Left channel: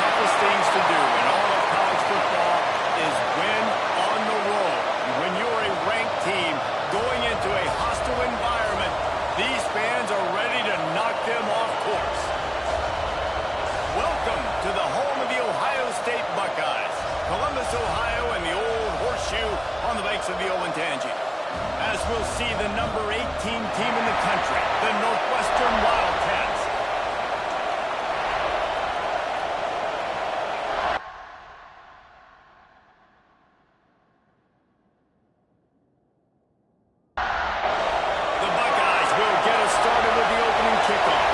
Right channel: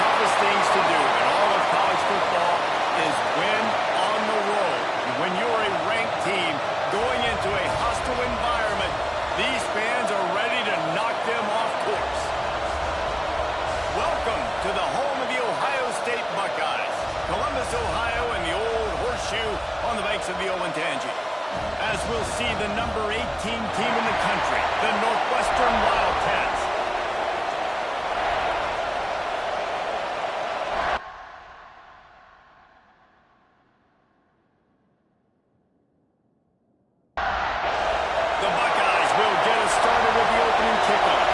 toughest things to do in all of college football is win on the road. When you're a ranked team going into a hostile environment, these fans are ready to knock them off course. Welcome to the home of the Ohio State Buckeyes, Columbus, Ohio, and the old horseshoe on the banks of the Olentangy. As we'll see the number 18 team in the country, the Northwestern Wildcats. The Buckeyes will get us started with the opening kickoff.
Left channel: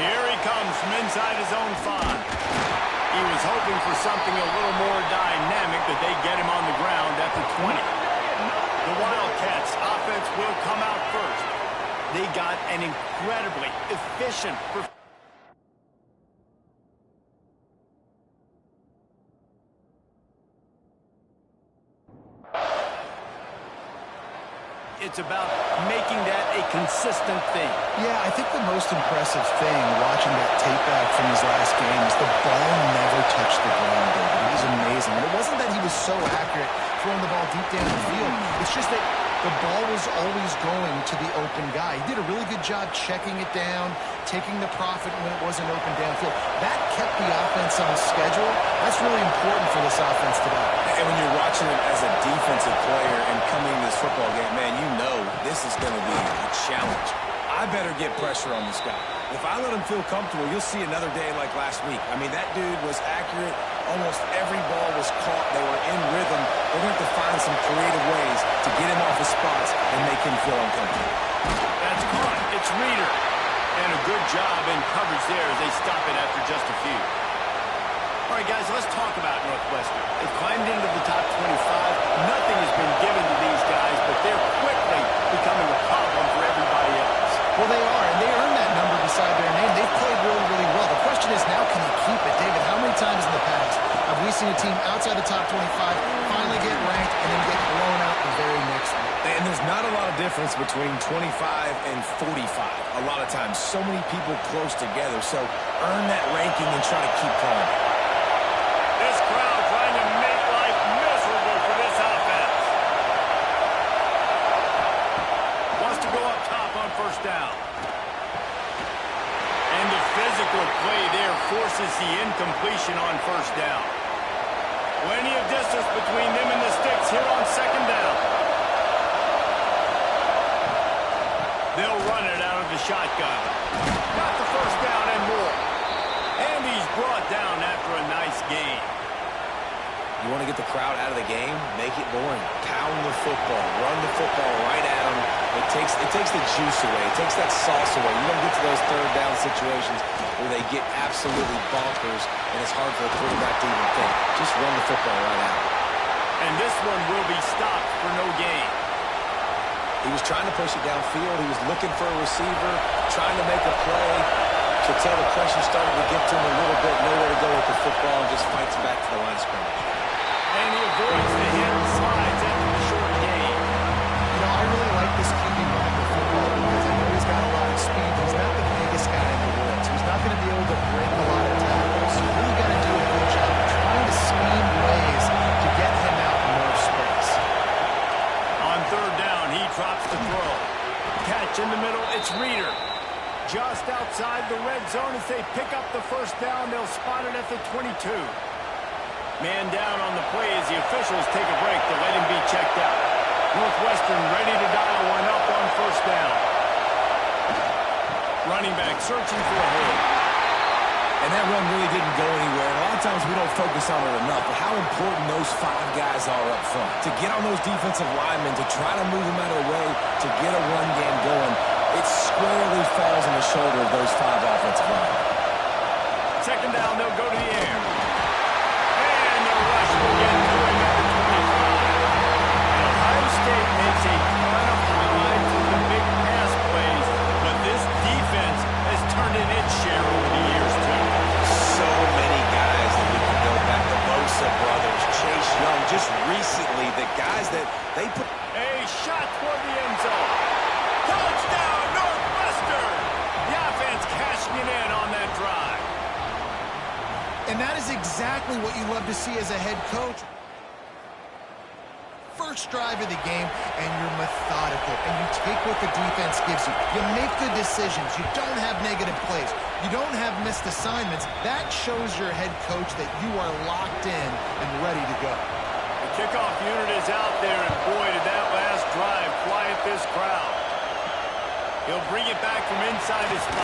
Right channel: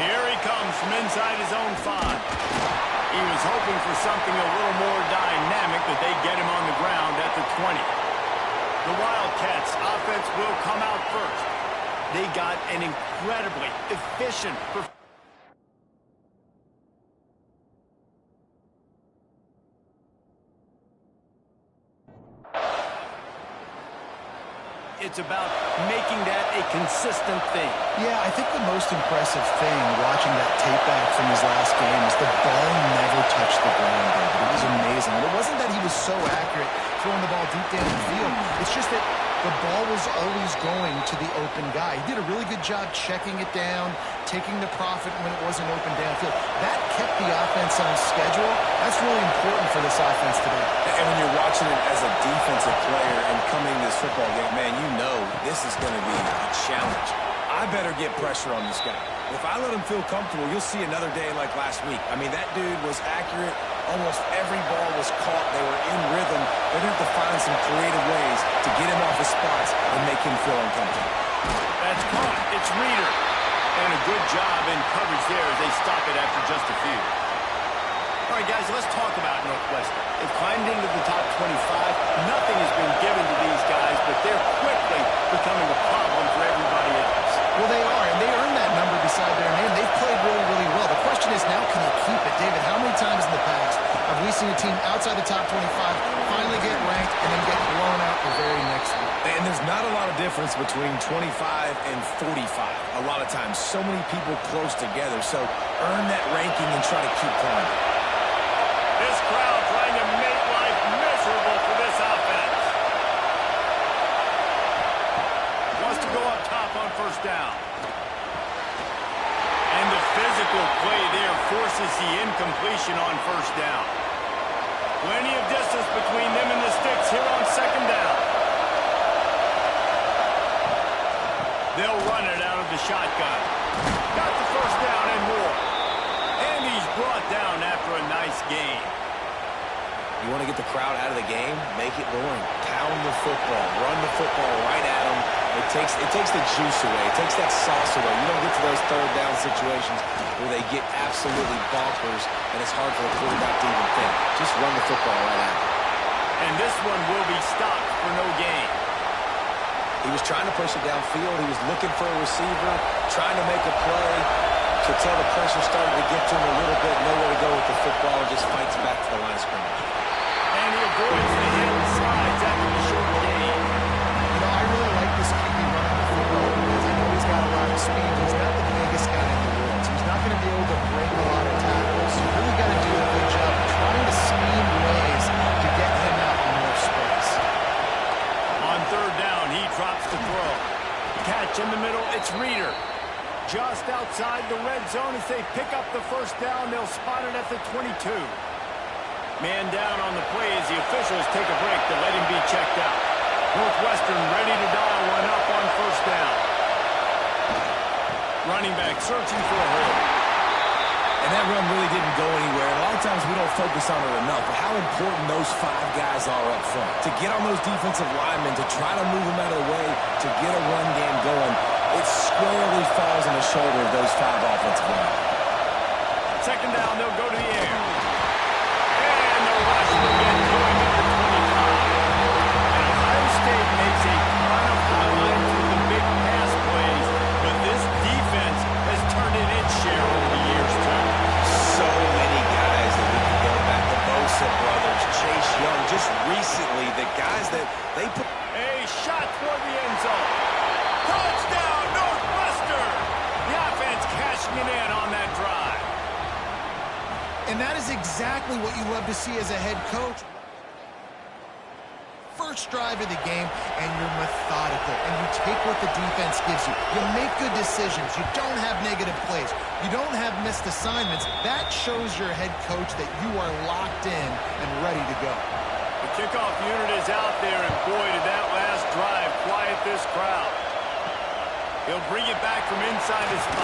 Here he comes from inside his own 5. He was hoping for something a little more dynamic, that they get him on the ground at the 20. The Wildcats offense will come out first. They got an incredibly efficient performance. It's about making that a consistent thing. Yeah, I think the most impressive thing watching that tape back from his last game is the ball never touched the ground, David. It was amazing. And it wasn't that he was so accurate throwing the ball deep down the field. It's just that the ball was always going to the open guy. He did a really good job checking it down, taking the profit when it wasn't open downfield. That kept the offense on schedule. That's really important for this offense today. And when you're watching it as a defensive player and coming to this football game, man, you know this is going to be a challenge. I better get pressure on this guy. If I let him feel comfortable, you'll see another day like last week. I mean, that dude was accurate. Almost every ball was caught. They were in rhythm. They're going to have to find some creative ways to get him off his spots and make him feel uncomfortable. That's caught. It's Reeder. And a good job in coverage there as they stop it after just a few. All right, guys, let's talk about Northwestern. They've climbed into the top 25. Nothing has been given to these guys, but they're quickly becoming a problem for everybody else. Well, they are, and they earned that number beside their name. They've played really, really well. The question is, now can you keep it? David, how many times in the past have we seen a team outside the top 25 finally get ranked and then get blown out the very next week? And there's not a lot of difference between 25 and 45. A lot of times, so many people close together. So earn that ranking and try to keep climbing. This crowd trying to make life miserable for this offense. Wants to go up top on first down. And the physical play there forces the incompletion on first down. Plenty of distance between them and the sticks here on second down. They'll run it out of the shotgun. Got the first down and more. And he's brought down after a nice gain. You want to get the crowd out of the game? Make it boring. Pound the football. Run the football right at them. It takes the juice away. It takes that sauce away. You don't get to those third down situations where they get absolutely bonkers, and it's hard for the quarterback to even think. Just run the football right at them. And this one will be stopped for no gain. He was trying to push it downfield. He was looking for a receiver, trying to make a play. Could tell the pressure started to get to him a little bit. Nowhere to go with the football, and just fights back to the line of scrimmage. And he avoids the hit and slides after the short gain. You know, I really like this QB running the football because I know he's got a lot of speed. He's not the biggest guy in the world, so he's not going to be able to break a lot of tackles. So you really got to do a good job of trying to scheme ways to get him out in more space. On third down, he drops the throw. Catch in the middle, it's Reeder. Just outside the red zone as they pick up the first down. They'll spot it at the 22. Man down on the play as the officials take a break to let him be checked out. Northwestern ready to dial one up on first down. Running back searching for a hole. And that run really didn't go anywhere. And a lot of times we don't focus on it enough, but how important those 5 guys are up front. To get on those defensive linemen, to try to move them out of the way, to get a run game going, it squarely falls on the shoulder of those 5 offensive linemen. Second down, they'll go to the air. And the rush will get to him at the 25. And Ohio State makes a ton of highlights with the big pass plays, but this defense has turned in its share over the years, too. So many guys that we can go back. The Bosa brothers, Chase Young, just recently, the guys that they put. A shot toward the end zone. Touchdown, Northwestern! The offense cashing it in on that drive. And that is exactly what you love to see as a head coach. First drive of the game, and you're methodical, and you take what the defense gives you. You make good decisions. You don't have negative plays. You don't have missed assignments. That shows your head coach that you are locked in and ready to go. The kickoff unit is out there, and boy, did that last drive quiet this crowd. He'll bring it back from inside his 5.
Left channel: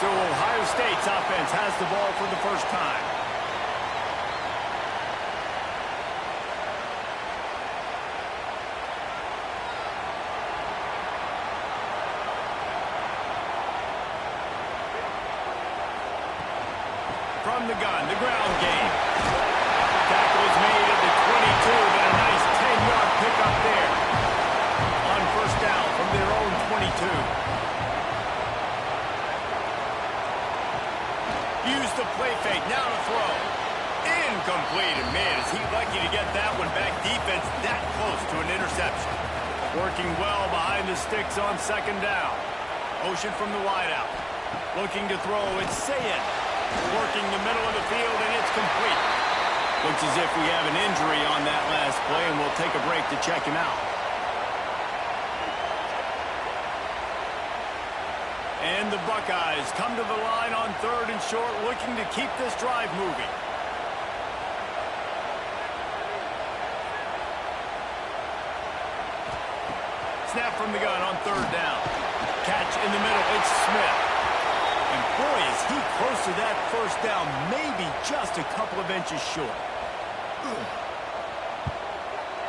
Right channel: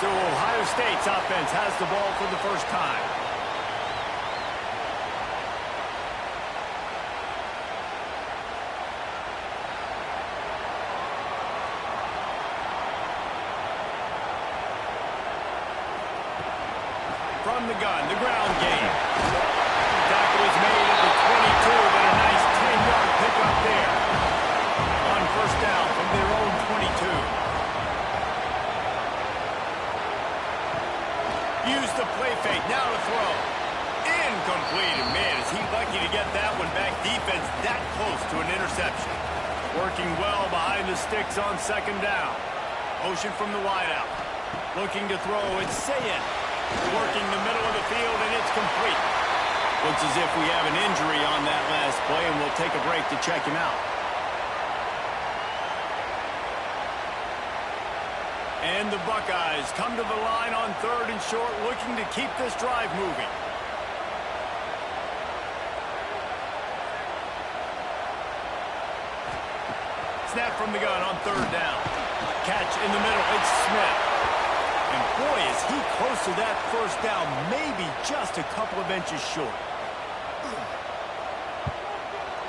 So Ohio State's offense has the ball for the first time. From the gun, the ground game. Tackle is made at the 22, but a nice 10-yard pickup there. On first down from their own 22. Use the play fake, now to throw. Incomplete, and man, is he lucky to get that one back. Defense that close to an interception. Working well behind the sticks on second down. Motion from the wideout. Looking to throw, it's Sayin. Working the middle of the field, and it's complete. Looks as if we have an injury on that last play, and we'll take a break to check him out. And the Buckeyes come to the line on 3rd and short, looking to keep this drive moving. Snap from the gun on 3rd down. Catch in the middle, it's Smith. And boy, is he close to that first down, maybe just a couple of inches short.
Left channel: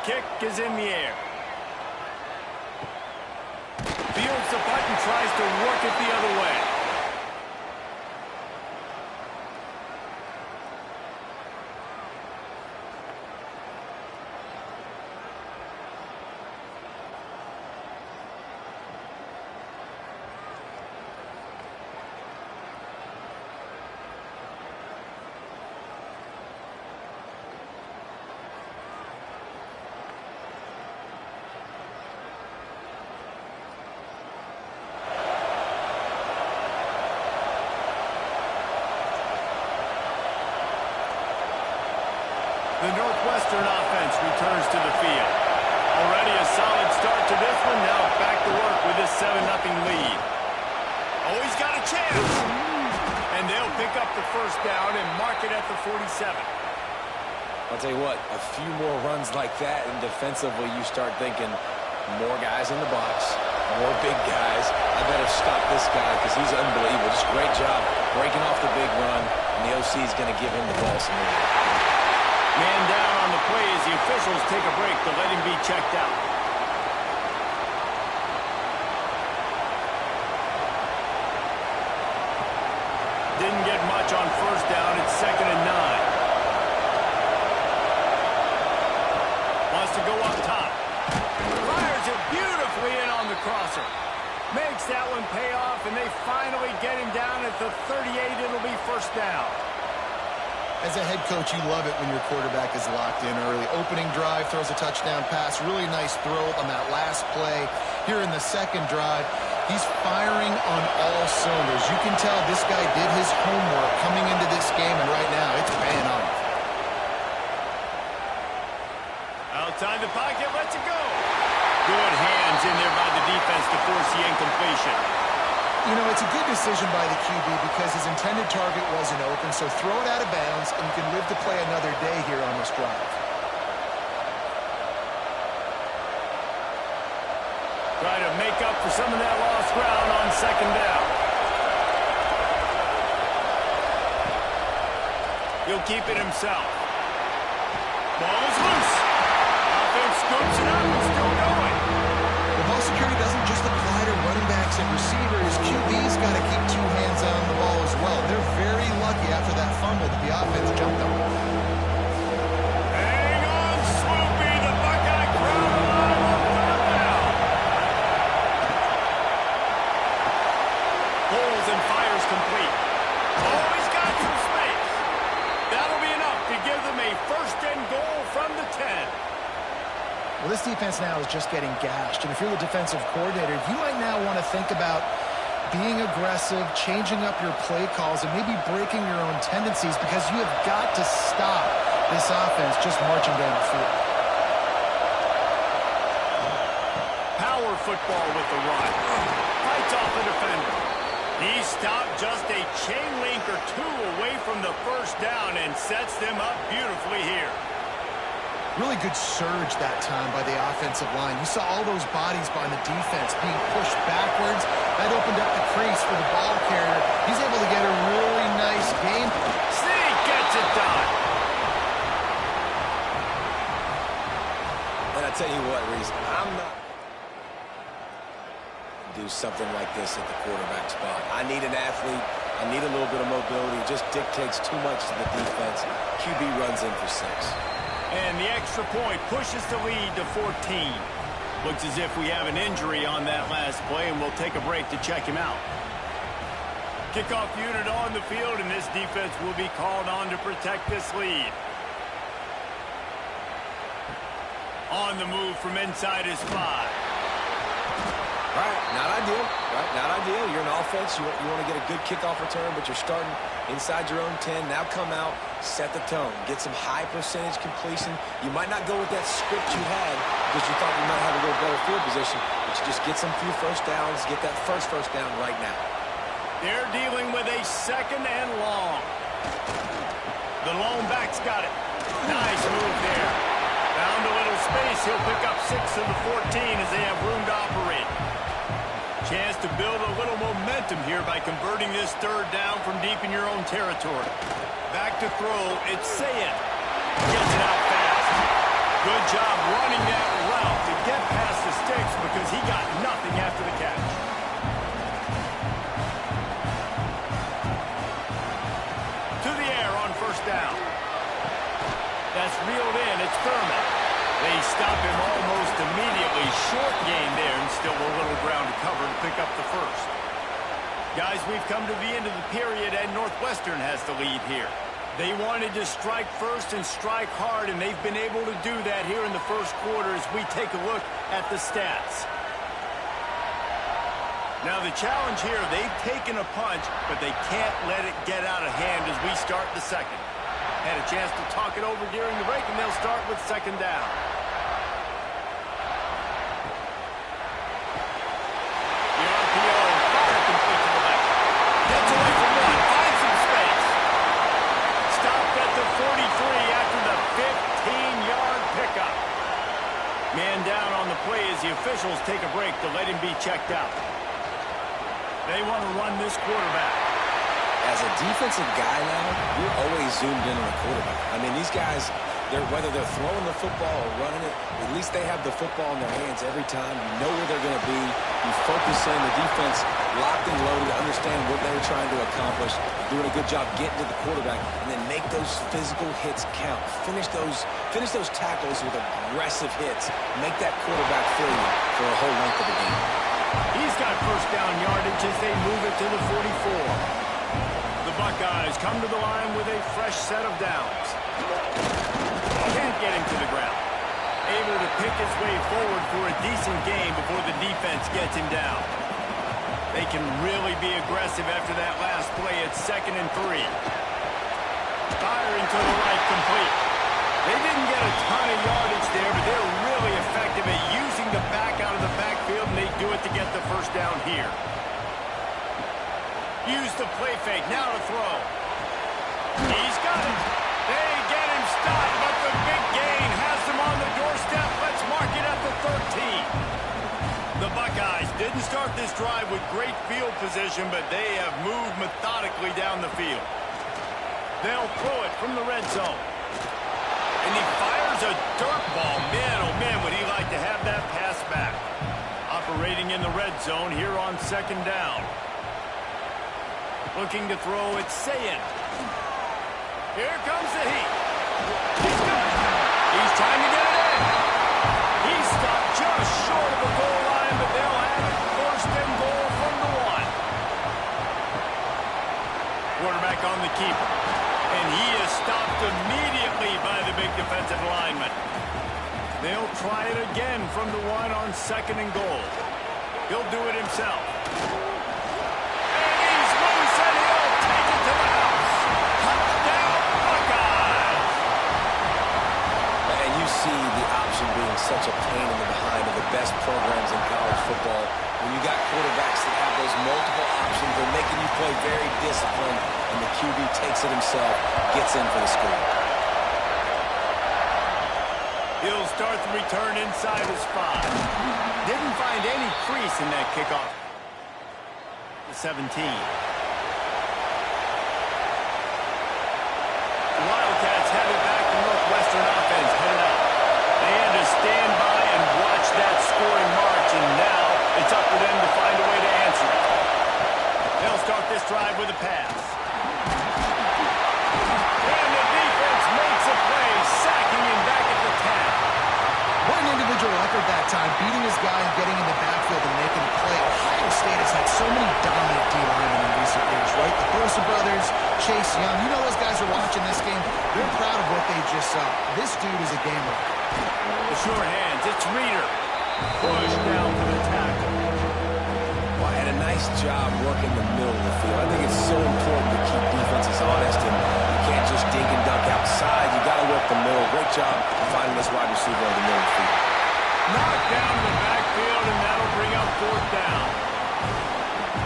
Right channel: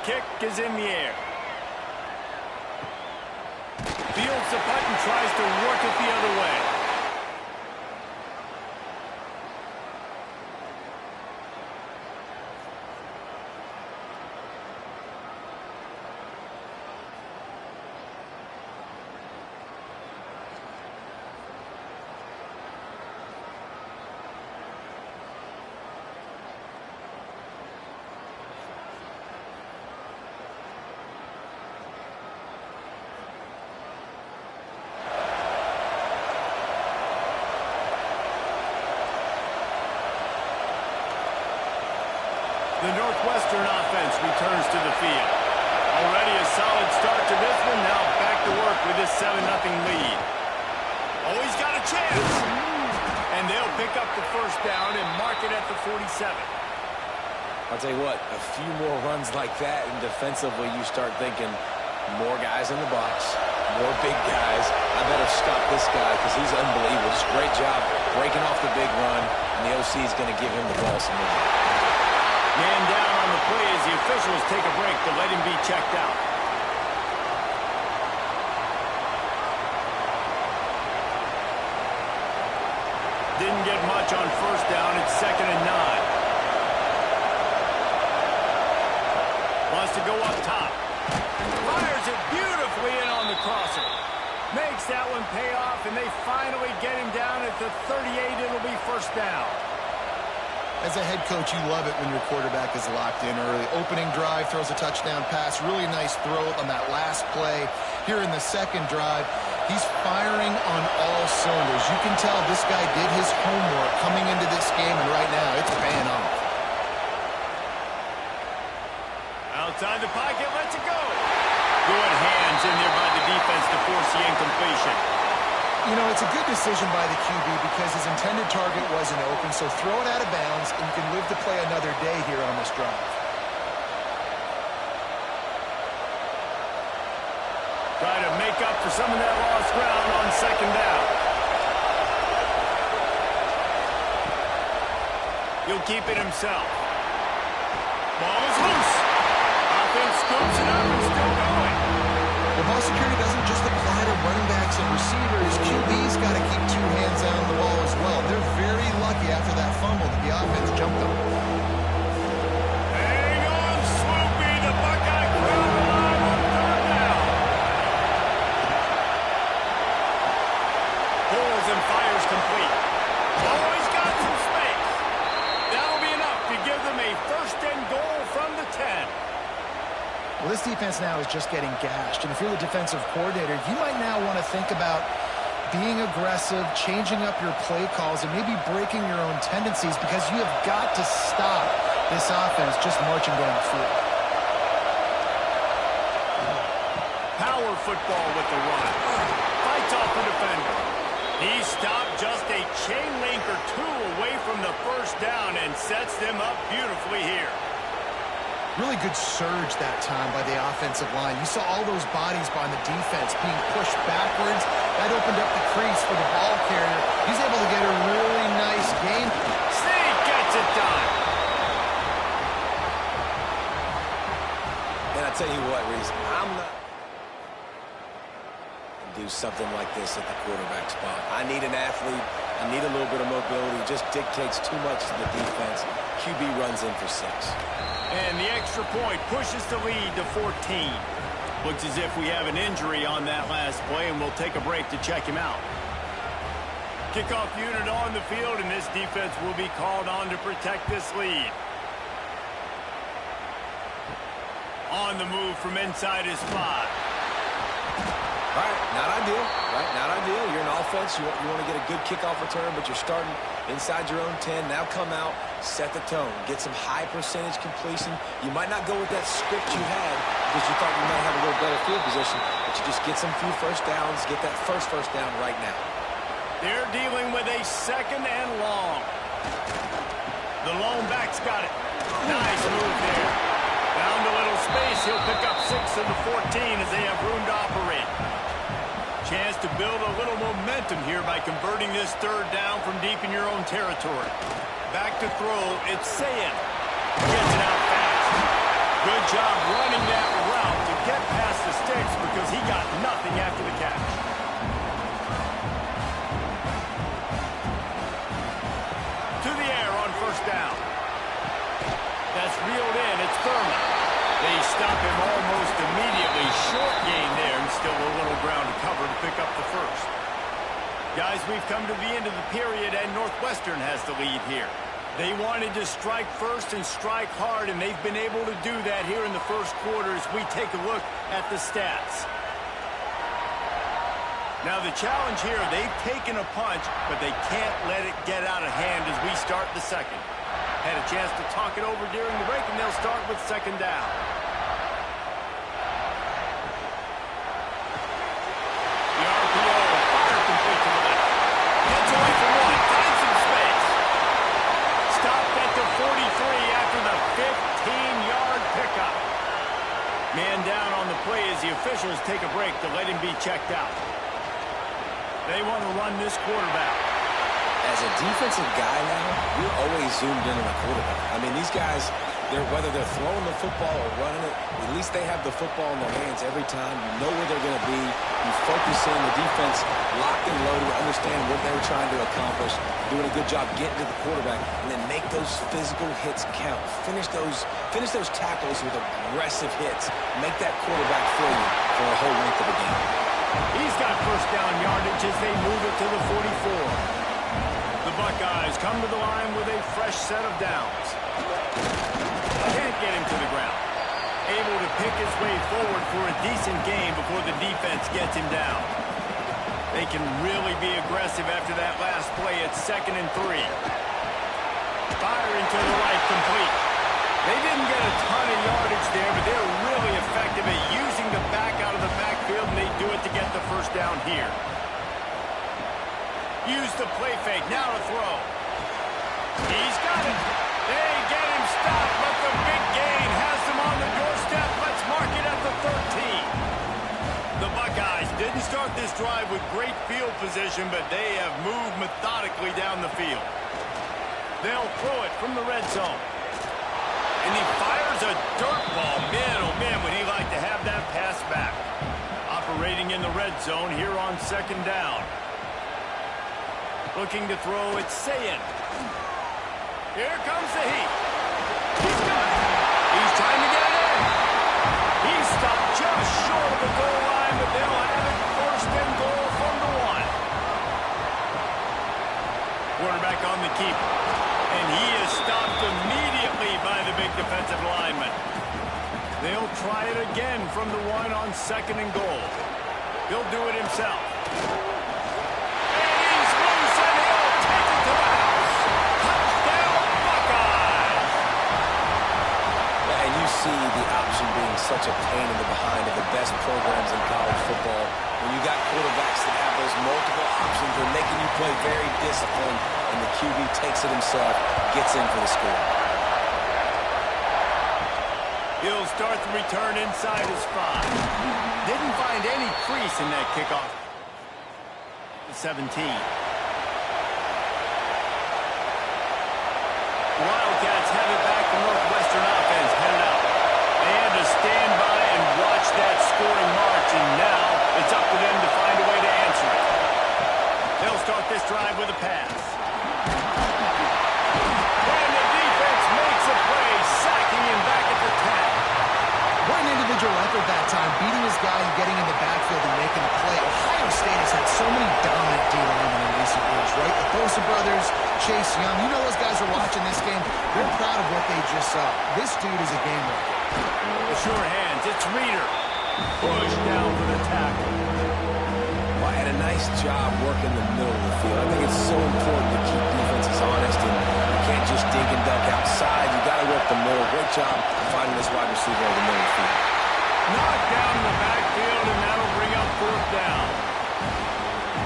Kick is in the air. Fields the punt and tries to work it the other way. The Northwestern offense returns to the field. Already a solid start to this one. Now back to work with this 7-0 lead. Oh, he's got a chance. And they'll pick up the first down and mark it at the 47. I'll tell you what, a few more runs like that, and defensively you start thinking more guys in the box, more big guys. I better stop this guy because he's unbelievable. Just great job breaking off the big run, and the OC is going to give him the ball some more. Man down on the play as the officials take a break to let him be checked out. Didn't get much on first down. It's 2nd and 9. Wants to go up top. Fires it beautifully in on the crosser. Makes that one pay off, and they finally get him down at the 38. It'll be first down. As a head coach, you love it when your quarterback is locked in early. Opening drive, throws a touchdown pass. Really nice throw on that last play. Here in the second drive, he's firing on all cylinders. You can tell this guy did his homework coming into this game, and right now it's paying off. Outside the pocket, lets it go. Good hands in there by the defense to force the incompletion. You know, it's a good decision by the QB because his intended target wasn't open, so throw it out of bounds, and you can live to play another day here on this drive. Try to make up for some of that lost ground on second down. He'll keep it himself. Ball is loose. Offense scoops it up and still going. Well, ball security doesn't just apply to running backs and receivers. QB's got to keep two hands on the ball as well. They're very lucky after that fumble that the offense jumped on. Hang on, Swoopy. The Buckeye crowd alive on third down. Pulls and fires complete. Oh, he's got some space. That'll be enough to give them a 1st and goal from the 10. Well, this defense now is just getting gashed, and if you're the defensive coordinator, you might now want to think about being aggressive, changing up your play calls, and maybe breaking your own tendencies, because you have got to stop this offense just marching down the field. Power football with the run. Fights off the defender. He stopped just a chain link or two away from the first down and sets them up beautifully here. Really good surge that time by the offensive line. You saw all those bodies behind the defense being pushed backwards. That opened up the crease for the ball carrier. He's able to get a really nice gain. Zeke gets it done. And I tell you what, Reese, I'm not do something like this at the quarterback spot. I need an athlete. I need a little bit of mobility. It just dictates too much to the defense. QB runs in for 6. And the extra point pushes the lead to 14. Looks as if we have an injury on that last play, and we'll take a break to check him out. Kickoff unit on the field, and this defense will be called on to protect this lead. On the move from inside his 5. Right, not ideal, right? Not ideal. You're an offense. You want to get a good kickoff return, but you're starting inside your own 10. Now come out, set the tone, get some high percentage completion. You might not go with that script you had because you thought you might have a little better field position, but you just get some few first downs, get that first down right now. They're dealing with a 2nd and long. The lone back's got it. Nice move there. Found a little space. He'll pick up 6 of the 14 as they have room to operate. Chance to build a little momentum here by converting this 3rd down from deep in your own territory. Back to throw. It's Sayin. Gets it out fast. Good job running that route to get past the sticks because he got nothing after the catch. To the air on 1st down. That's reeled in. It's Thurman. They stop him almost immediately. Short gain there, and still a little ground to cover to pick up the 1st. Guys, we've come to the end of the period, and Northwestern has the lead here. They wanted to strike first and strike hard, and they've been able to do that here in the 1st quarter as we take a look at the stats. Now, the challenge here, they've taken a punch, but they can't let it get out of hand as we start the 2nd. Had a chance to talk it over during the break, and they'll start with 2nd down. The RPO, fire complete to the left. Gets away from 1, finds some space. Stopped at the 43 after the 15-yard pickup. Man down on the play as the officials take a break to let him be checked out. They want to run this quarterback. As a defensive guy now, you're always zoomed in on the quarterback. I mean, these guys, whether they're throwing the football or running it, at least they have the football in their hands every time. You know where they're going to be. You focus in, the defense locked and loaded, understand what they were trying to accomplish, doing a good job getting to the quarterback, and then make those physical hits count. Finish those tackles with aggressive hits. Make that quarterback feel you for the whole length of the game. He's got 1st down yardage as they move it to the 44. The Buckeyes come to the line with a fresh set of downs. Can't get him to the ground. Able to pick his way forward for a decent gain before the defense gets him down. They can really be aggressive after that last play. It's 2nd and 3. Firing to the right, complete. They didn't get a ton of yardage there, but they're really effective at using the back out of the backfield, and they do it to get the 1st down here. Use the play fake, now to throw. He's got it. They get him stopped, but the big gain has them on the doorstep. Let's mark it at the 13. The Buckeyes didn't start this drive with great field position, but they have moved methodically down the field. They'll throw it from the red zone. And he fires a dirt ball. Man, oh man, would he like to have that pass back. Operating in the red zone here on 2nd down. Looking to throw, it's Sayin. Here comes the heat. He's good. He's trying to get it in. He's stopped just short of the goal line, but they'll have it 1st and goal from the 1. Quarterback on the keeper. And he is stopped immediately by the big defensive lineman. They'll try it again from the one on 2nd and goal. He'll do it himself. And he's loose, and he'll take it to the house. Touchdown, Buckeyes! And you see the option being such a pain in the behind of the best programs in college football. When you got quarterbacks that have those multiple options, they're making you play very disciplined, and the QB takes it himself, gets in for the score. He'll start the return inside his 5. Didn't find any crease in that kickoff. 17. Wildcats have it back. The Northwestern offense headed out. They had to stand by and watch that scoring march, and now it's up to them to find a way to answer it. They'll start this drive with a pass. And the defense makes a play, sacking him back at the 10. What an individual effort that time, beating his guy and getting in the backfield and making a play. Ohio State has had so many dominant D-linemen in recent years, right? The Bosa brothers, Chase Young, you know those guys are watching this game. They're proud of what they just saw. This dude is a game wrecker. The short hands, it's Reeder. Push down for the tackle. Well, and a nice job working the middle of the field. I think it's so important to keep defenses honest, and you can't just dink and dunk outside. You got to work the middle. Great job finding this wide receiver over the middle of the field. Knocked down in the backfield, and that'll bring up 4th down.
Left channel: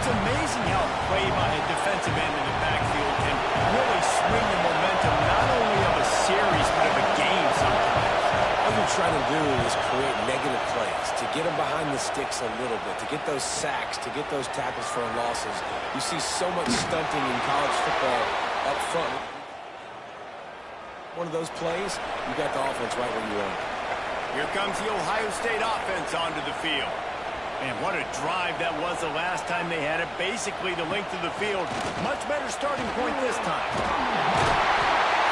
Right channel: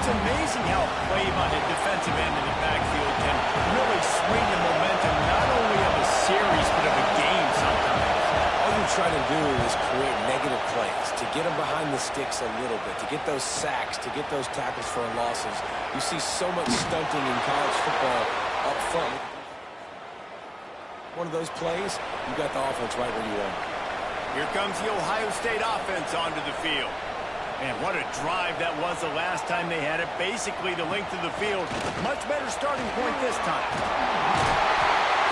It's amazing how a play by a defensive end in the backfield can really swing the momentum not only of a series but of a game sometimes. All you're trying to do is create negative plays, to get them behind the sticks a little bit, to get those sacks, to get those tackles for losses. You see so much stunting in college football up front. One of those plays, you got the offense right where you want it. Here comes the Ohio State offense onto the field. And what a drive that was the last time they had it. Basically the length of the field. Much better starting point this time.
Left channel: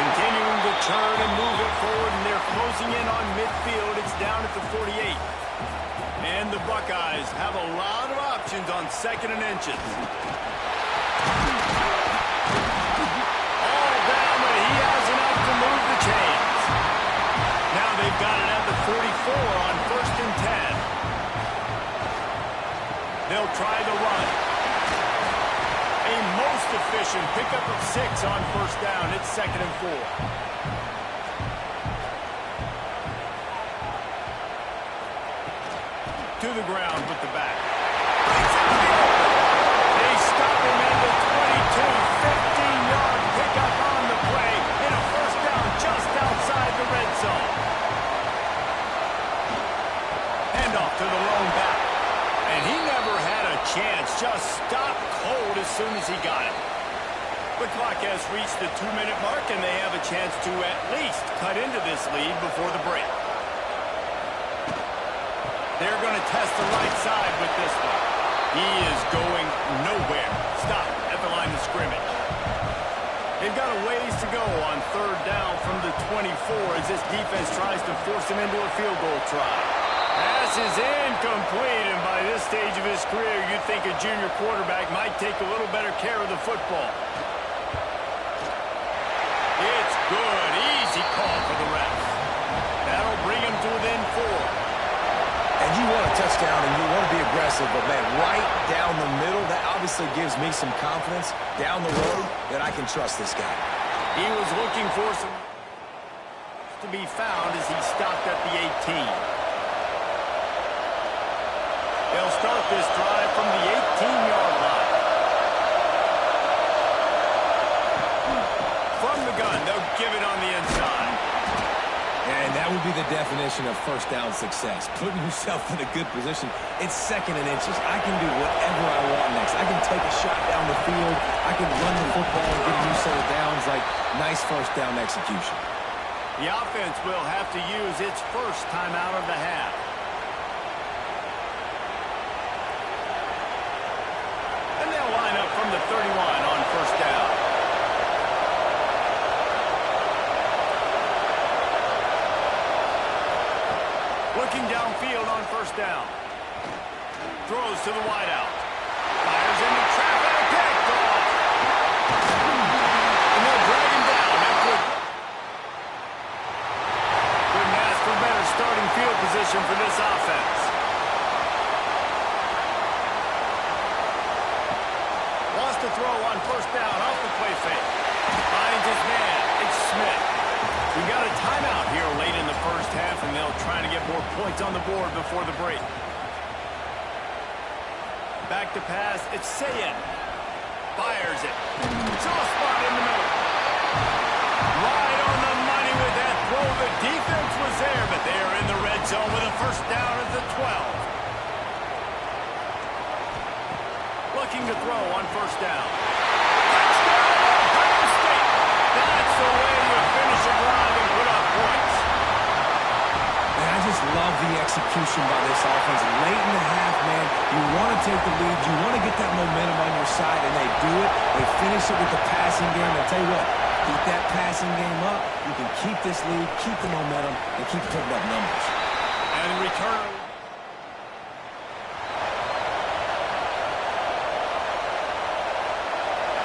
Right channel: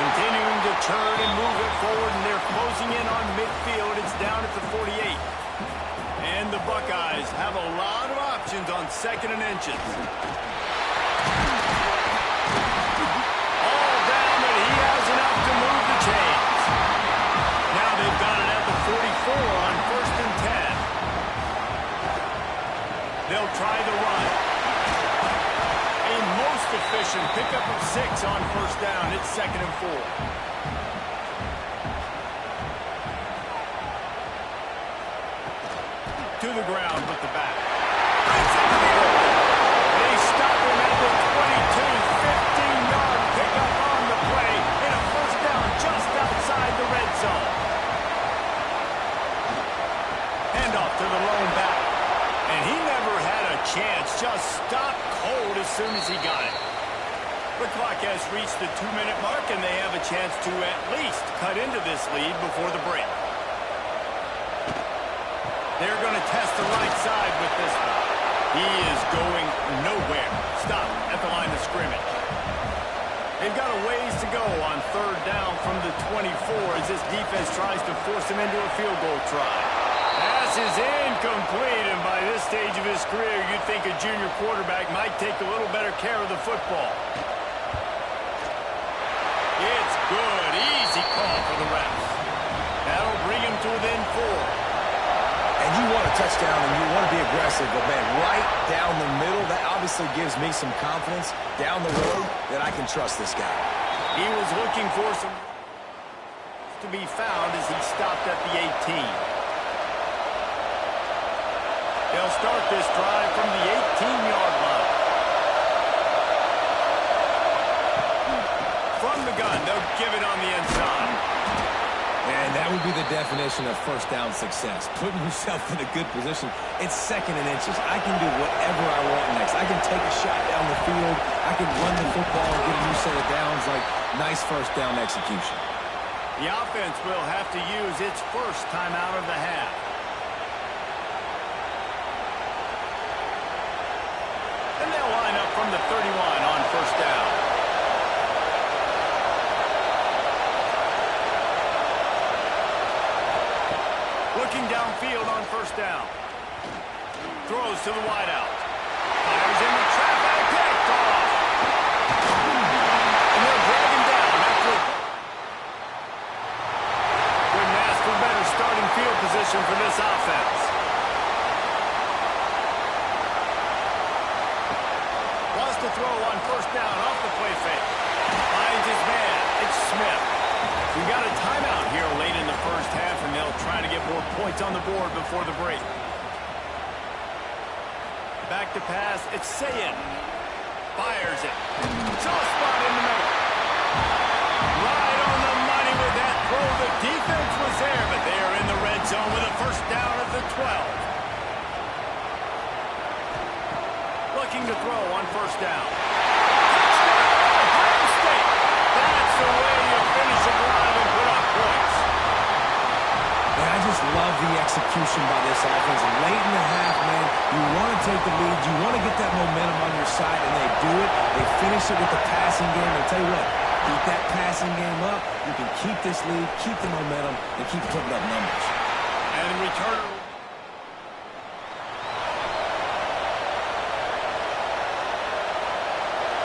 Continuing to turn and move it forward, and they're closing in on midfield. It's down at the 48. And the Buckeyes have a lot of options on 2nd and inches. All down, but he has enough to move the chains. Now they've got it at the 44 on 1st and 10. They'll try the run. A most efficient pickup of 6 on 1st down. It's 2nd and 4. To the ground with the back. Breaks into the open. They stop him at the 22. 15-yard pickup on the play. And a 1st down just outside the red zone. Handoff to the lone back. And he never had a chance. Just stopped cold as soon as he got it. The clock has reached the 2-minute mark, and they have a chance to at least cut into this lead before the break. They're going to test the right side with this one. He is going nowhere. Stop at the line of scrimmage. They've got a ways to go on 3rd down from the 24 as this defense tries to force him into a field goal try. Pass is incomplete, and by this stage of his career, you'd think a junior quarterback might take a little better care of the football. It's good. Easy call for the refs. That'll bring him to within 4. And you want a touchdown, and you want to be aggressive, but, man, right down the middle, that obviously gives me some confidence down the road that I can trust this guy. He was looking for some to be found as he stopped at the 18. They'll start this drive from the 18-yard line. From the gun, they'll give it on the inside. And that would be the definition of 1st down success. Putting yourself in a good position. It's 2nd and inches. I can do whatever I want next. I can take a shot down the field. I can run the football and get a new set of downs. Like, nice 1st down execution. The offense will have to use its first timeout of the half. And they'll line up from the 31 on 1st down. Looking downfield on 1st down. Throws to the wideout. Fires into traffic. Picked off. And they'll drag him down after a... Couldn't ask for better starting field position for this offense. Wants to throw on first down off the play fake. Finds his man. It's Smith. We got a timeout here late in the first half, and they'll try to get more points on the board before the break. Back to pass. It's Sayin. Fires it. Soft spot in the middle. Right on the money with that throw. The defense was there, but they are in the red zone with a first down at the 12. Looking to throw on first down. Touchdown, Ohio State. That's the way you finish a drive and put up points. Man, I just love the execution by this offense. Late in the half, man, you want to take the lead. You want to get that momentum on your side, and they do it. They finish it with the passing game. I'll tell you what, keep that passing game up. You can keep this lead, keep the momentum, and keep putting up numbers. And the returner.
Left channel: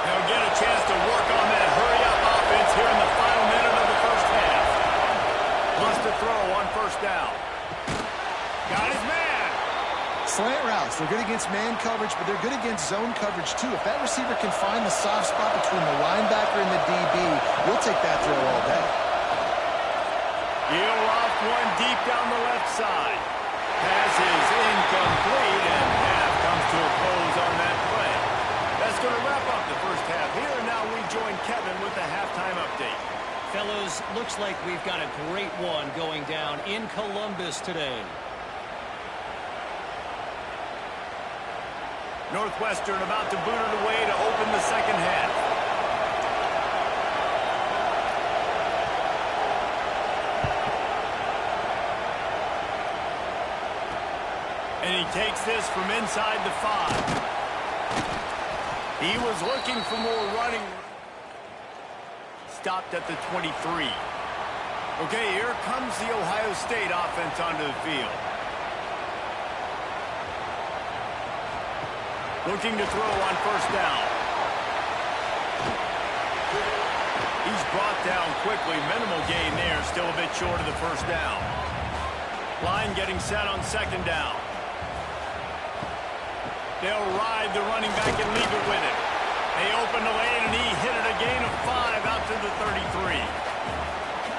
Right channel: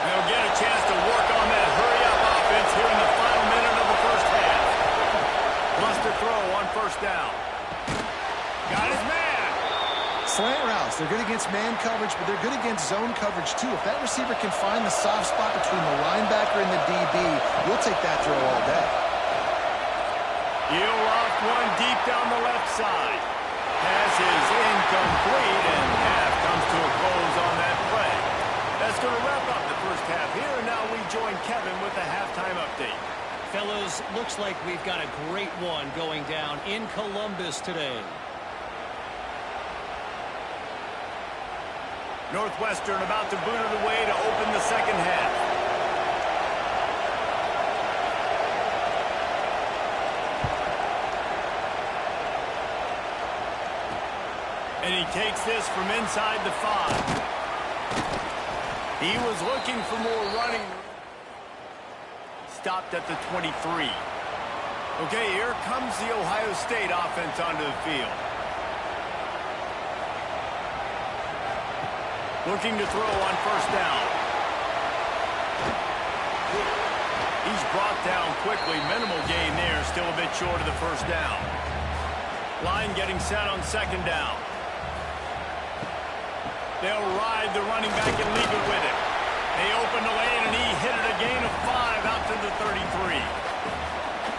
They'll get a chance to work on that hurry-up offense here in the final minute of the first half. Wants to throw on first down. Got his man. Slant routes, they're good against man coverage, but they're good against zone coverage too. If that receiver can find the soft spot between the linebacker and the DB, you'll take that throw all day. He'll loft one deep down the left side. Pass is incomplete, and half comes to a close on that play. That's going to wrap up the first half here, and now we join Kevin with the halftime update. Fellas, looks like we've got a great one going down in Columbus today. Northwestern about to boot it away to open the second half. And he takes this from inside the 5. He was looking for more running room. Stopped at the 23. Okay, here comes the Ohio State offense onto the field. Looking to throw on first down. He's brought down quickly. Minimal gain there. Still a bit short of the first down. Line getting set on second down. They'll ride the running back and leave it with him. They open the lane, and he hit it a gain of 5 out to the 33.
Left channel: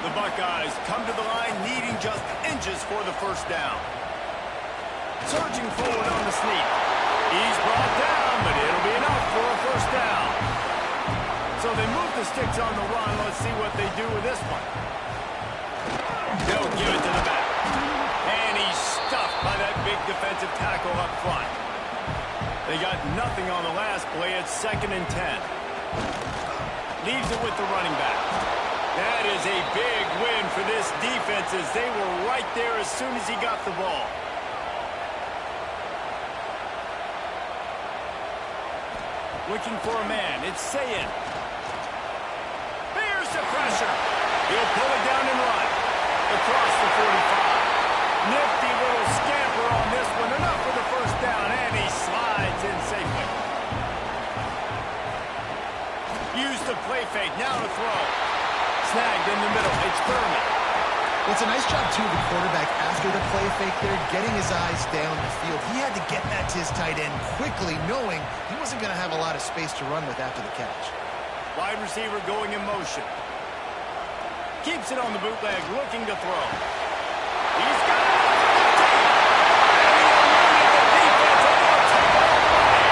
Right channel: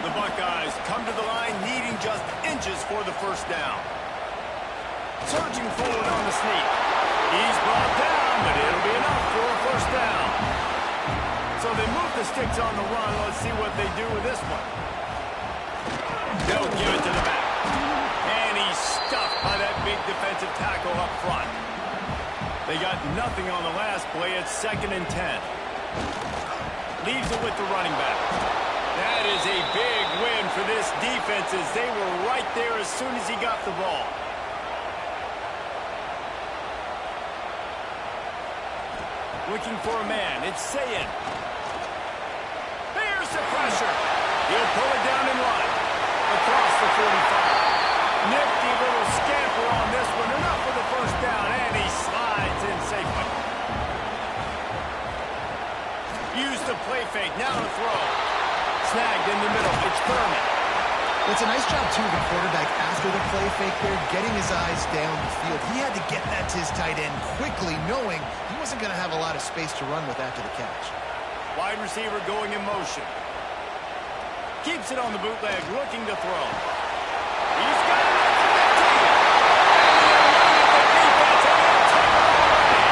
The Buckeyes come to the line needing just inches for the first down. Surging forward on the sneak. He's brought down, but it'll be enough for a first down. So they move the sticks on the run. Let's see what they do with this one. They'll give it to the back. And he's stuffed by that big defensive tackle up front. They got nothing on the last play. It's 2nd and 10. Leaves it with the running back. That is a big win for this defense as they were right there as soon as he got the ball. Looking for a man. It's Sayin. There's the pressure. He'll pull it down and run. Across the 45. Nifty little scamper on this one. Enough for the first down, and he slides in safely. Used the play fake. Now to throw. Snagged in the middle. It's Thurman. Well, it's a nice job, too, of the quarterback after the play fake there, getting his eyes down the field. He had to get that to his tight end quickly, knowing he wasn't going to have a lot of space to run with after the catch. Wide receiver going in motion. Keeps it on the bootleg, looking to throw. He's got it at the 15. And he'll run at the defense, and he'll take it all away.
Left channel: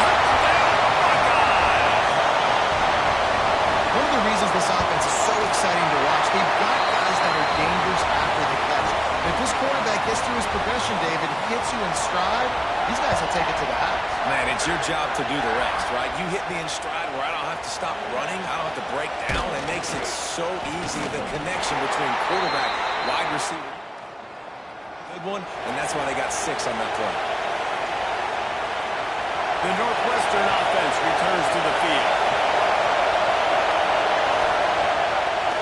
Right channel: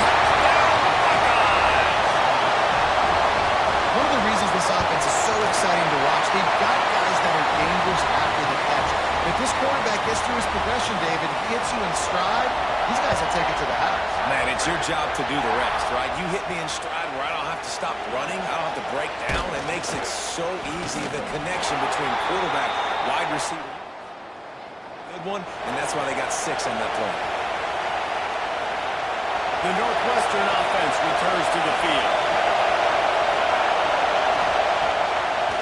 Touchdown, Buckeyes. One of the reasons this offense is so exciting to watch, they've got guys that are dangerous after the catch. If this quarterback gets through his progression, David, he hits you in stride, these guys will take it to the house. Man, it's your job to do the rest, right? You hit me in stride where I don't have to stop running. I don't have to break down. It makes it so easy, the connection between quarterback, wide receiver. Good one, and that's why they got 6 on that play. The Northwestern offense returns to the field.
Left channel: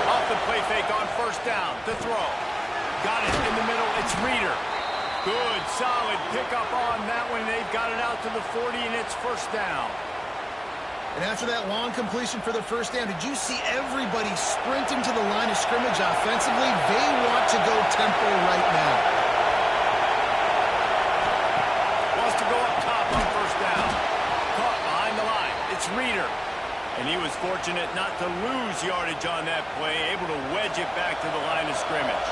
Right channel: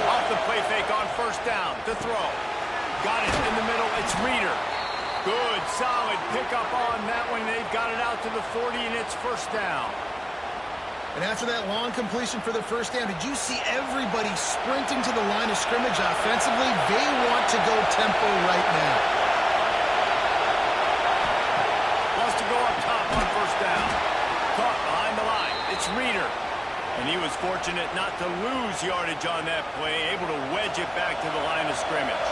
Off the play fake on first down to throw. Got it in the middle. It's Reeder. Good, solid pickup on that one. They've got it out to the 40, and it's first down. And after that long completion for the first down, did you see everybody sprinting to the line of scrimmage offensively? They want to go tempo right now. Wants to go up top on first down. Caught behind the line. It's Reeder. And he was fortunate not to lose yardage on that play, able to wedge it back to the line of scrimmage.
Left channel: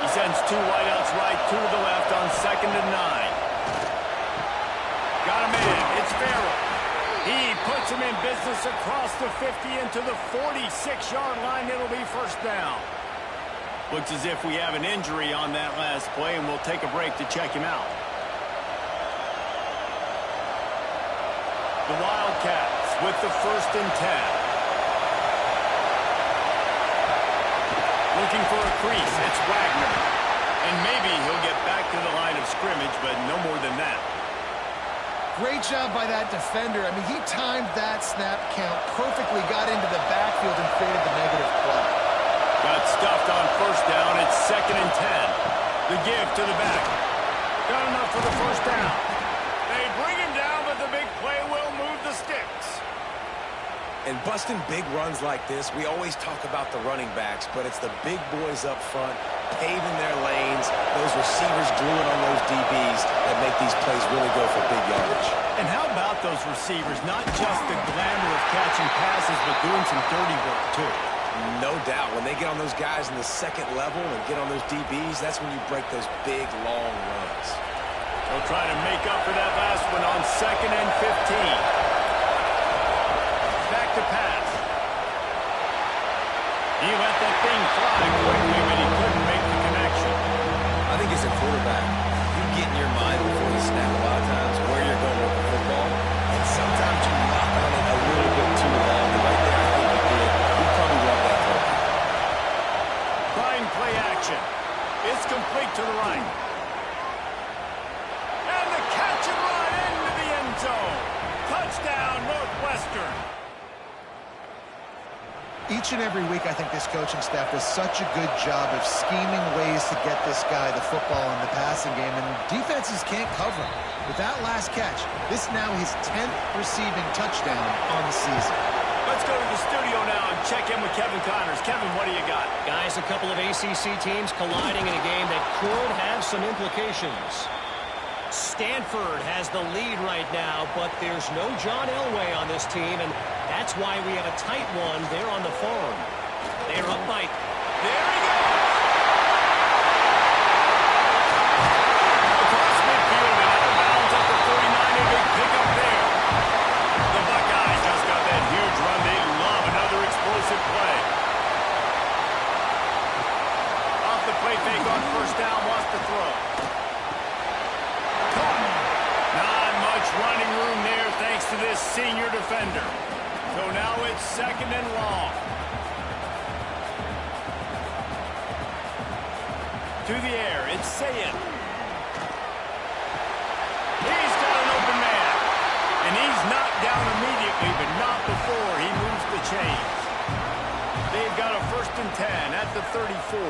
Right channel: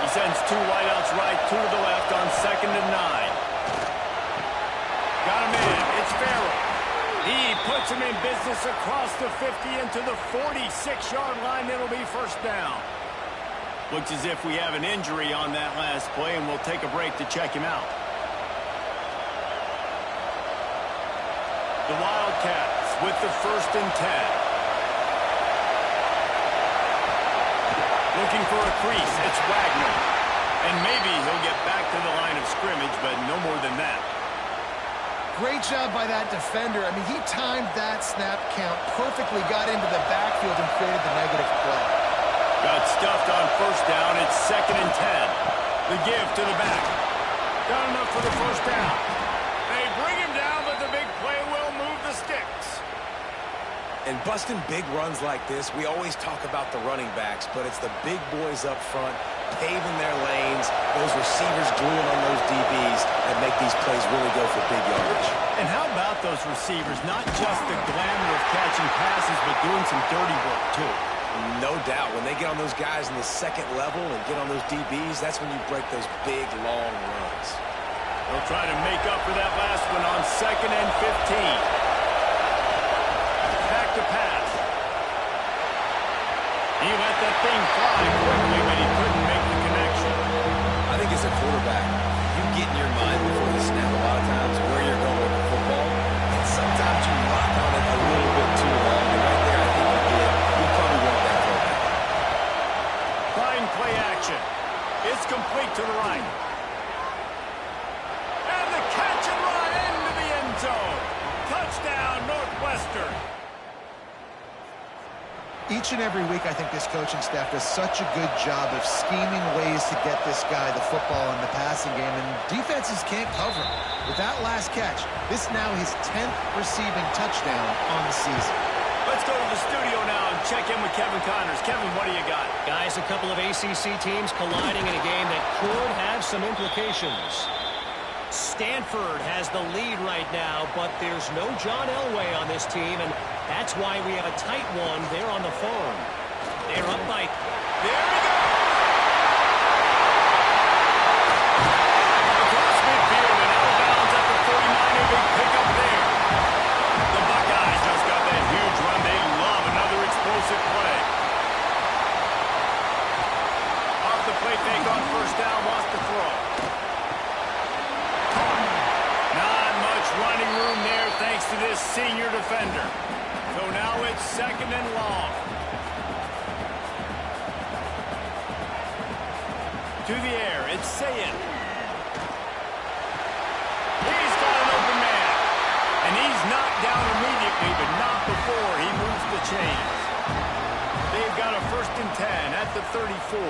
He sends 2 wideouts right, 2 to the left on 2nd and 9. Got him in. It's Farrell. He puts him in business across the 50 into the 46-yard line. It'll be first down. Looks as if we have an injury on that last play, and we'll take a break to check him out. The Wildcats with the 1st and 10. Looking for a crease. It's Wagner. And maybe he'll get back to the line of scrimmage, but no more than that. Great job by that defender. I mean, he timed that snap count perfectly, got into the backfield and created the negative play. Got stuffed on first down. It's 2nd and 10. The give to the back. Got enough for the first down. They bring him down, but the big play will move the sticks. And busting big runs like this, we always talk about the running backs, but it's the big boys up front, paving their lanes, those receivers gluing on those DBs that make these plays really go for big yardage. And how about those receivers? Not just the glamour of catching passes, but doing some dirty work, too. No doubt. When they get on those guys in the second level and get on those DBs, that's when you break those big, long runs. They'll try to make up for that last one on 2nd and 15. Back to pass. He let that thing fly quickly, but he couldn't make the connection. I think as a quarterback, you get in your mind before you snap a lot of times where you're going with the football, and sometimes you lock on it a little bit too long, and right there I think you did. You probably want that throwback. Trying play action. It's complete to the right. And the catch and run into the end zone. Touchdown, Northwestern. Each and every week, I think this coaching staff does such a good job of scheming ways to get this guy the football in the passing game, and defenses can't cover him. With that last catch, this now his 10th receiving touchdown on the season. Let's go to the studio now and check in with Kevin Connors. Kevin, what do you got? Guys, a couple of ACC teams colliding in a game that could have some implications. Stanford has the lead right now, but there's no John Elway on this team, and that's why we have a tight one there on the farm. They're up by... There he goes! Across midfield and out of bounds at the 49, a big pickup there. The Buckeyes just got that huge run. They love another explosive play. Off the play fake on first down, wants to throw. Not much running room there thanks to this senior defender. So now it's 2nd and long. To the air, it's Sayin. He's got an open man. And he's knocked down immediately, but not before he moves the chains. They've got a 1st and 10 at the 34.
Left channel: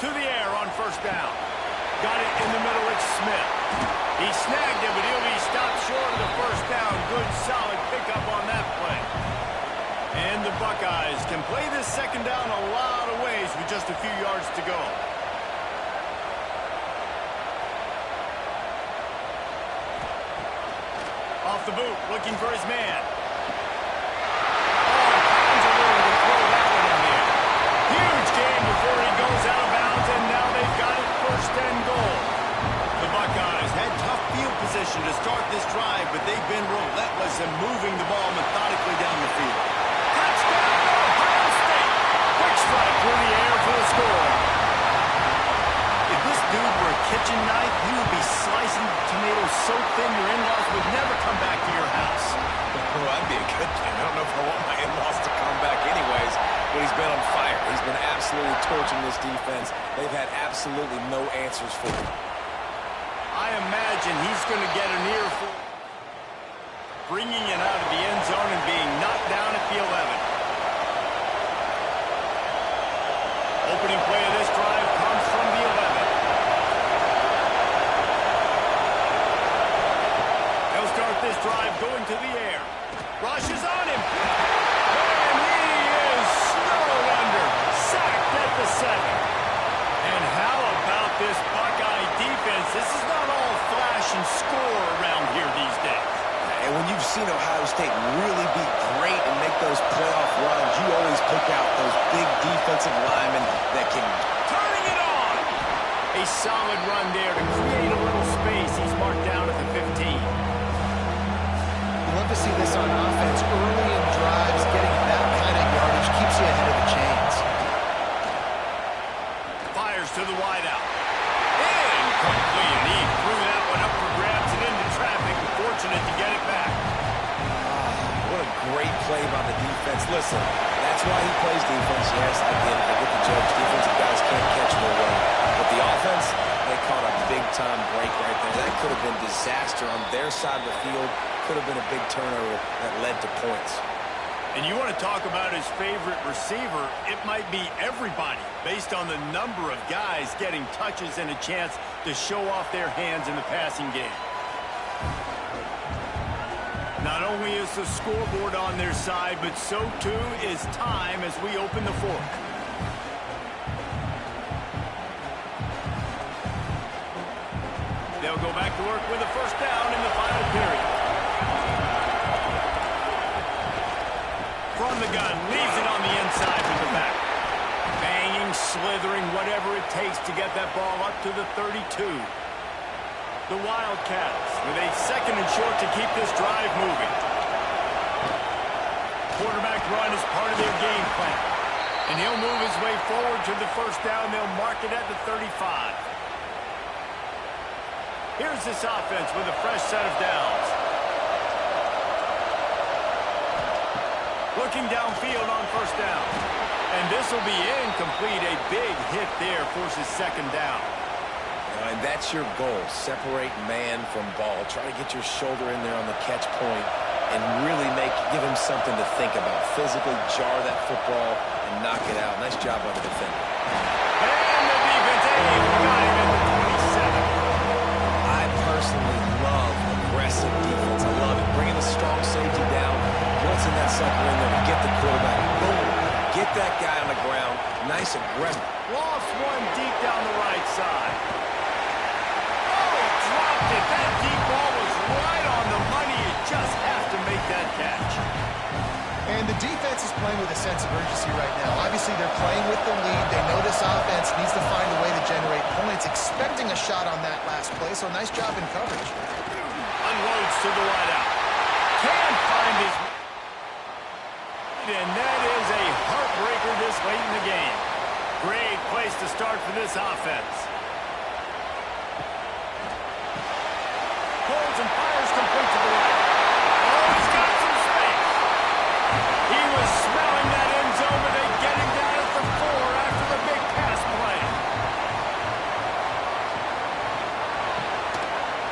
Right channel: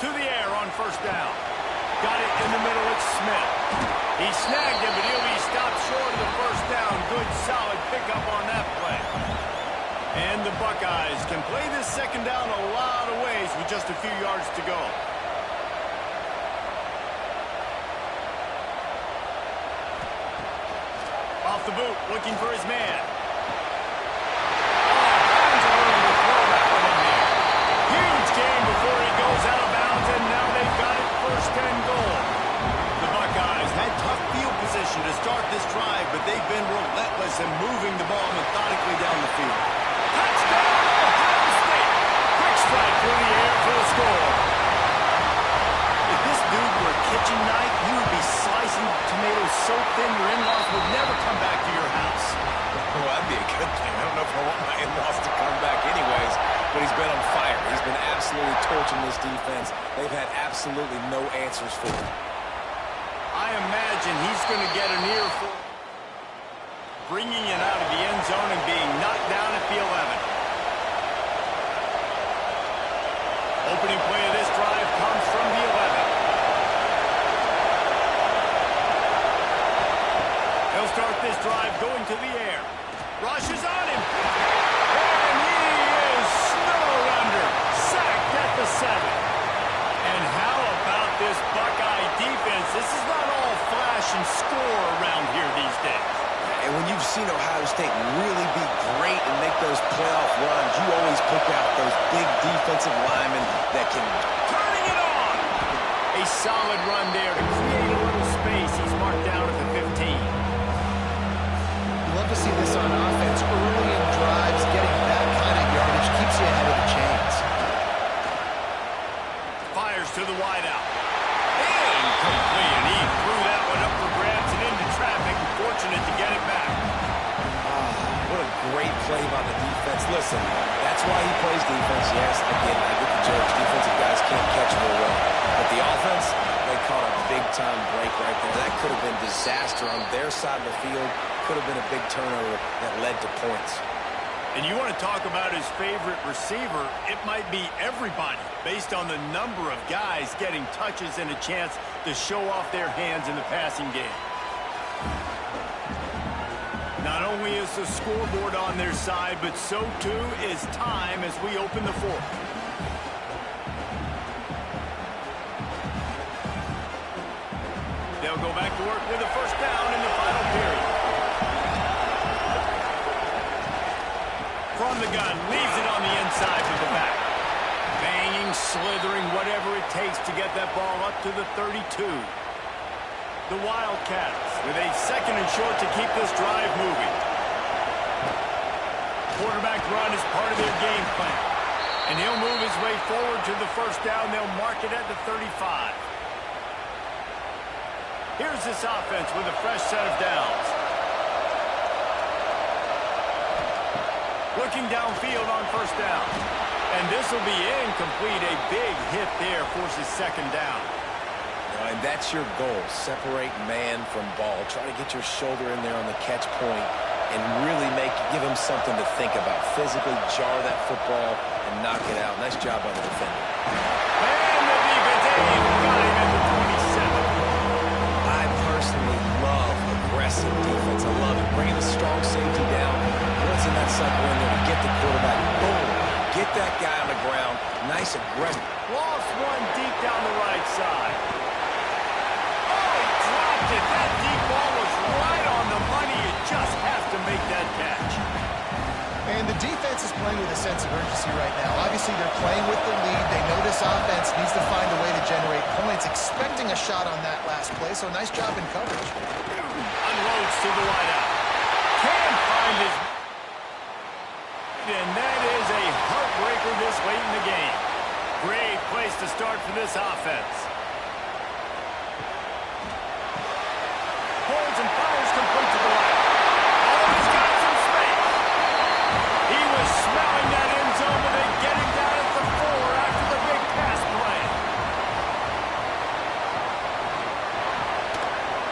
To the air on first down. Got it in the middle, it's Smith. He snagged him, but he'll be stopped short of the first down. Good, solid pickup on that play. And the Buckeyes can play this 2nd down a lot of ways with just a few yards to go. Off the boot, looking for his man. All kinds of room to throw that one in there. Huge game before he goes out of bounds, and now they've got it 1st and goal. The Buckeyes had tough field position to start this drive, but they've been relentless in moving the ball methodically down the field. Touchdown, Ohio State! Quick strike through the air for the score. If this dude were a kitchen knife, you would be slicing tomatoes so thin your in-laws would never come back to your house. Well, that'd be a good thing. I don't know if I want my in-laws to come back anyways, but he's been on fire. He's been absolutely torching this defense. They've had absolutely no answers for him. I imagine he's going to get an earful, bringing it out of the end zone and being knocked down at the 11. Opening play of this drive comes from the 11. They'll start this drive going to the air. Rushes on him. And he is snowed under. Sacked at the 7. And how about this Buckeye defense? This is not all flash and score around here these days. And when you've seen Ohio State really be great and make those playoff runs, you always pick out those big defensive linemen that can... Turning it on! A solid run there to create a little space. He's marked down at the 15. You love to see this on offense. Early in drives, getting that kind of yardage keeps you ahead of the chains. Fires to the wideout. Incomplete, and he threw that one up for grabs and into traffic. Fortunate to get it back. What a great play by the defense. Listen, that's why he plays defense. Yes, I get it. I get the jokes. Defensive guys can't catch real well. But the offense, they caught a big-time break right there. That could have been disaster on their side of the field. Could have been a big turnover that led to points. And you want to talk about his favorite receiver, it might be everybody based on the number of guys getting touches and a chance to show off their hands in the passing game. Not only is the scoreboard on their side, but so too is time as we open the fourth. They'll go back to work with a first down in the final period. From the gun, leaves it on the inside with the back. Banging, slithering, whatever it takes to get that ball up to the 32. The Wildcats with a second and short to keep this drive moving. Quarterback run is part of their game plan. And he'll move his way forward to the first down. They'll mark it at the 35. Here's this offense with a fresh set of downs. Looking downfield on first down. And this will be incomplete. A big hit there forces second down. And that's your goal. Separate man from ball. Try to get your shoulder in there on the catch point and really give him something to think about. Physically jar that football and knock it out. Nice job by the defender. And the defense, got him at the 27. I personally love aggressive defense. I love it. Bringing the strong safety down, blitzing that sucker in there to get the quarterback. Boom. Get that guy on the ground. Nice aggressive. Lost one deep down the right side. Oh, he dropped it. That deep ball was right on the money. You just have to make that catch. And the defense is playing with a sense of urgency right now. Obviously, they're playing with the lead. They know this offense needs to find a way to generate points, expecting a shot on that last play. So nice job in coverage. Unloads to the wideout. Can't find his... And that is a heartbreaker this late in the game. Great place to start for this offense. Holds and fires complete to the right. Oh, he's got some space. He was smelling that end zone, but they get him down at the 4 after the big pass play.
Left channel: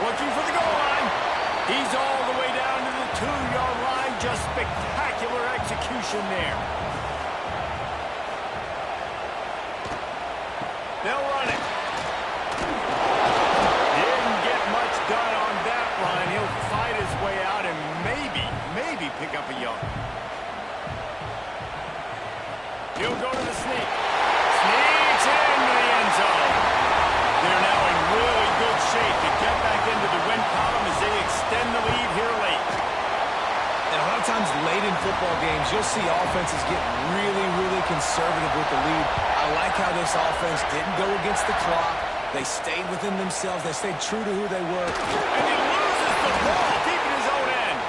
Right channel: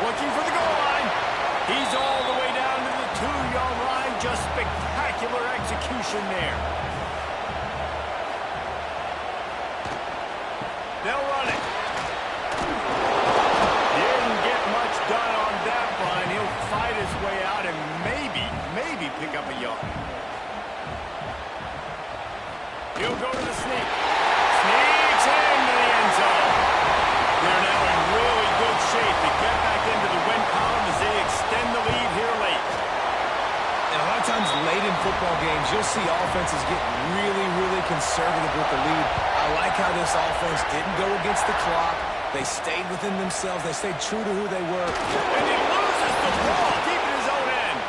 Looking for the goal line. He's all the way down to the 2-yard line. Just spectacular execution there. They'll run it. Didn't get much done on that run. He'll fight his way out and maybe pick up a yard. He'll go to the sneak. Sneaks into the end zone. They're now in really good shape to get back into the win column as they extend the lead here late. And a lot of times late in football games, you'll see offenses get really conservative with the lead. I like how this offense didn't go against the clock. They stayed within themselves. They stayed true to who they were. And he loses the ball, keeping his own end.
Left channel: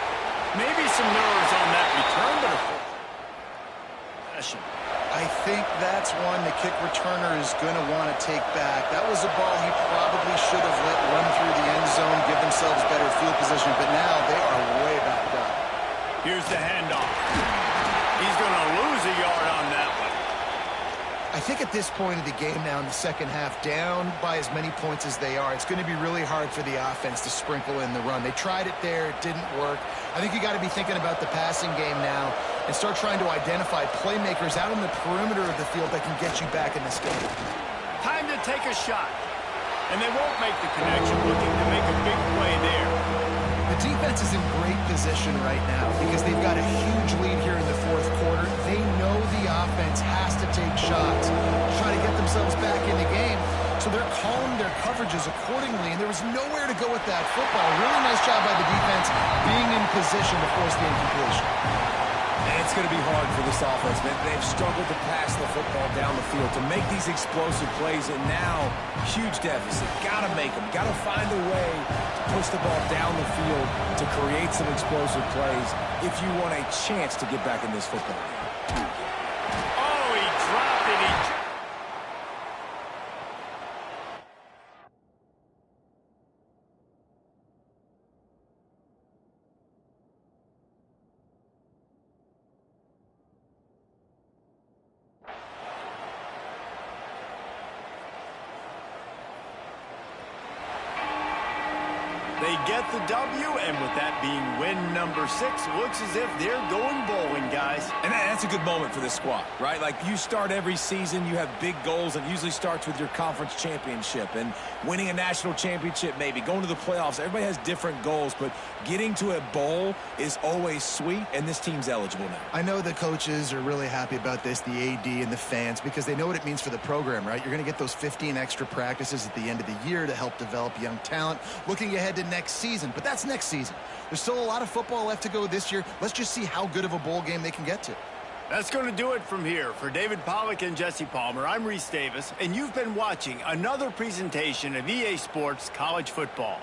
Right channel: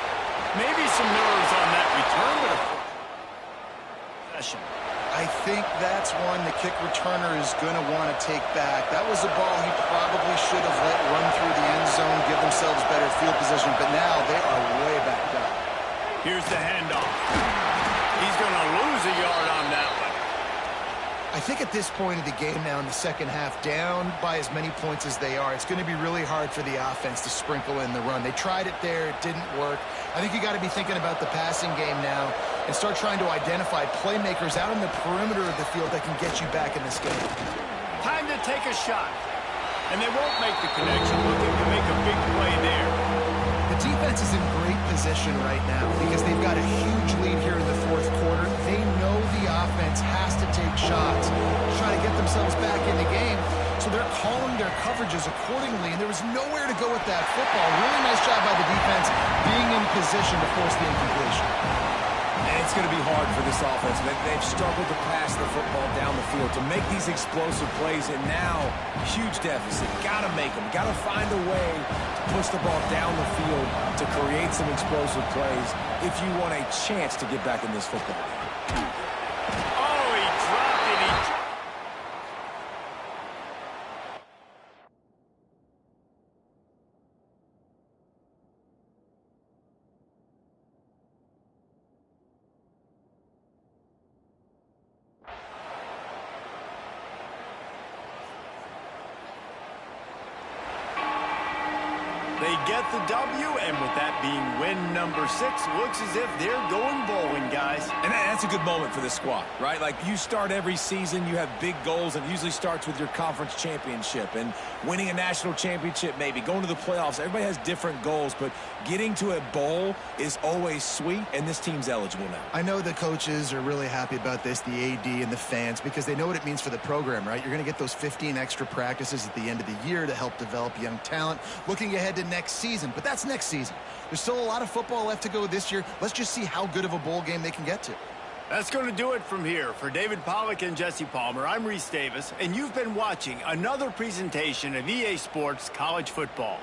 Maybe some nerves on that return, but a possession. I think that's one the kick returner is going to want to take back. That was a ball he probably should have let run through the end zone, give themselves better field position, but now they are way backed up. Here's the handoff. He's going to lose a yard on that one. I think at this point of the game now in the second half, down by as many points as they are, it's going to be really hard for the offense to sprinkle in the run. They tried it there. It didn't work. I think you got to be thinking about the passing game now and start trying to identify playmakers out on the perimeter of the field that can get you back in this game. Time to take a shot. And they won't make the connection, looking to make a big play there. The defense is in great position right now because they've got a huge lead here in the fourth quarter. They know the offense has to take shots to try to get themselves back in the game. So they're calling their coverages accordingly, and there was nowhere to go with that football. Really nice job by the defense being in position to force the incompletion. And it's going to be hard for this offense, man. They've struggled to pass the football down the field to make these explosive plays, and now, huge deficit. Got to make them. Got to find a way to push the ball down the field to create some explosive plays if you want a chance to get back in this football game. Oh, he dropped it. They get the W, and with that being win number 6, looks as if they're going bowling, guys. And that's a good moment for this squad, right? Like, you start every season, you have big goals, and it usually starts with your conference championship and winning a national championship, maybe going to the playoffs. Everybody has different goals, but getting to a bowl is always sweet, and this team's eligible now. I know the coaches are really happy about this, the AD and the fans, because they know what it means for the program, right? You're going to get those 15 extra practices at the end of the year to help develop young talent, looking ahead to next season. But that's next season. There's still a lot of football left to go this year. Let's just see how good of a bowl game they can get to. That's going to do it from here. For David Pollack and Jesse Palmer, I'm Reese Davis, and you've been watching another presentation of EA Sports College Football.